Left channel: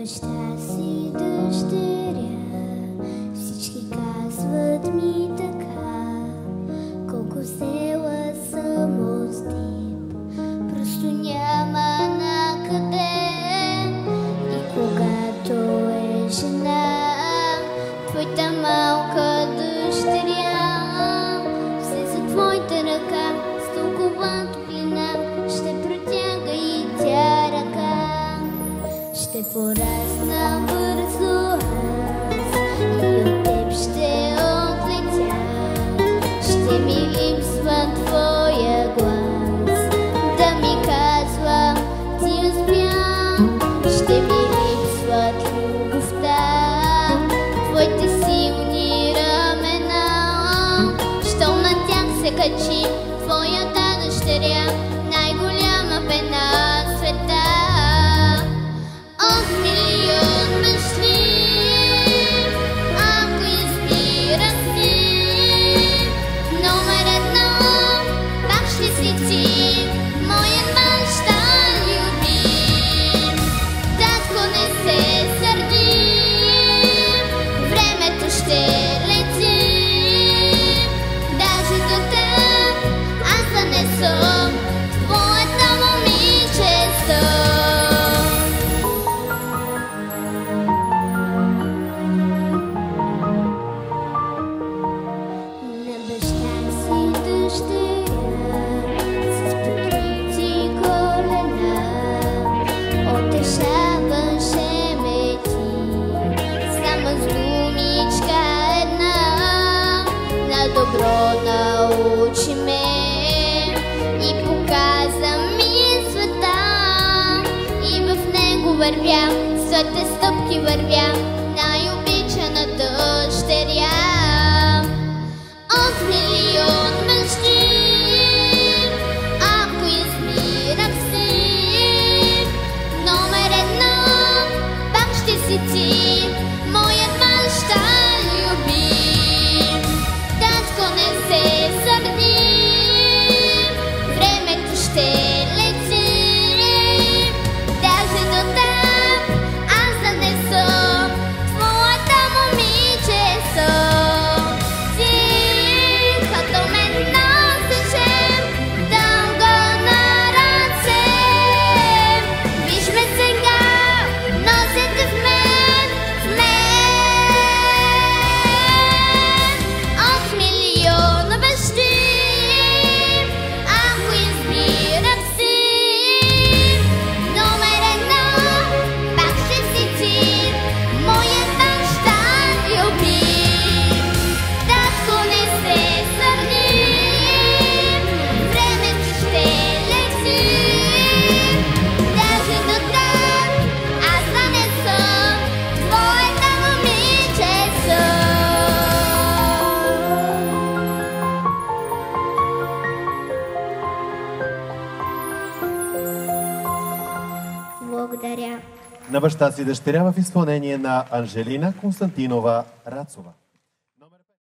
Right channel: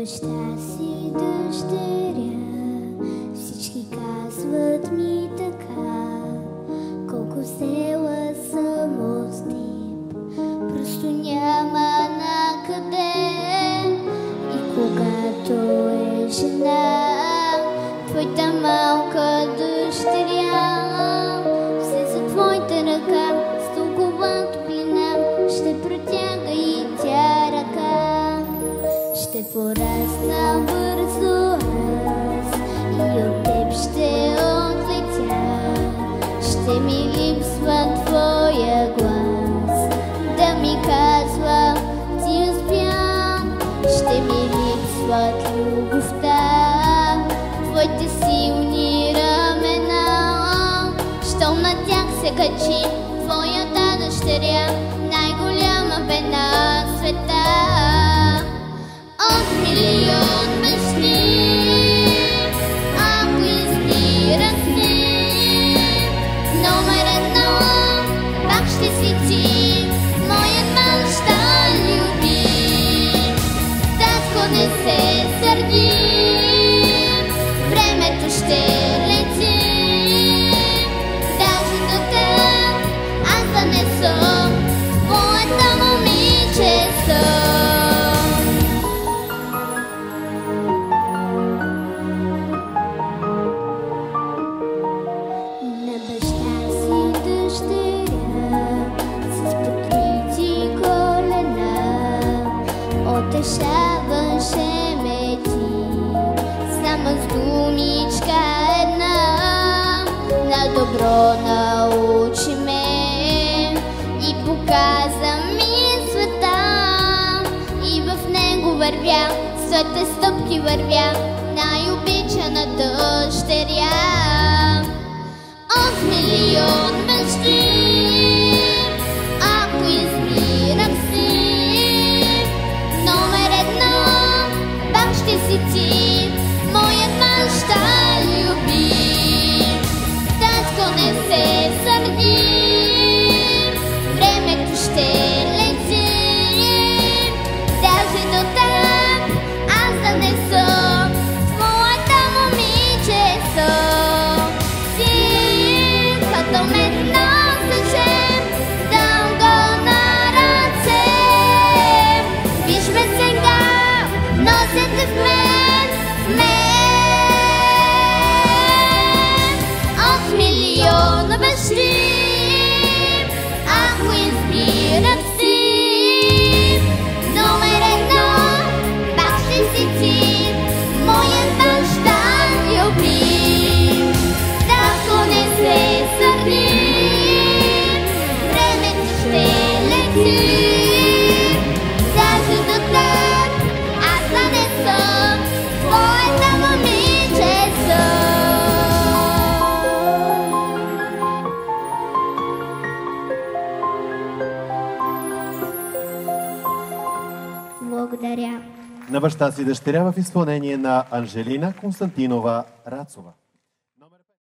баща си дъщеря, всички казват ми така, колко взела съм от теб, просто няма накъде. И когато е жена, твоята малка дъщеря, все за твоята ръка, с толкова топлина, ще протяга и тя ръка. Ще порасна бързо аз и от теб ще отлетя. Ще ми липсва твоя глас, да ми казва ти успя. Ще ми липсват любовта, твоите силни ramена. Щом на тях се качи твоята дъщеря, най-голяма бе на света. От милион бащи, ако избирах си, номер едно пак ще си ти, моят баща любим. Татко, не се сърди, времето ще лети, даже до теб аз да не съм твоята момиче съм. На баща си дъщеря с покрити колена утешаваше ме ти, само с думичка една. На добро научи ме и показа ми света, и в него вървя, своите стъпки вървя, най-обичана дъщеря. От милион бащи, ако избирах си, номер едно пак ще си ти, моят баща любим. Татко, не се сърди, времето ще лети, даже до теб аз да не съм твоята момиче съм. Като ме носеше дълго на ръце, виж ме сега, носете в мен, в мен. От милион бащи, ако избирах си, номер едно пак ще си ти, моят баща любим. Татко, не се сърди, времето ще лети, даже до теб аз да не съм твоята момиче съм. Благодаря. На баща си дъщеря в изпълнение на Анжелина Константинова Рацова.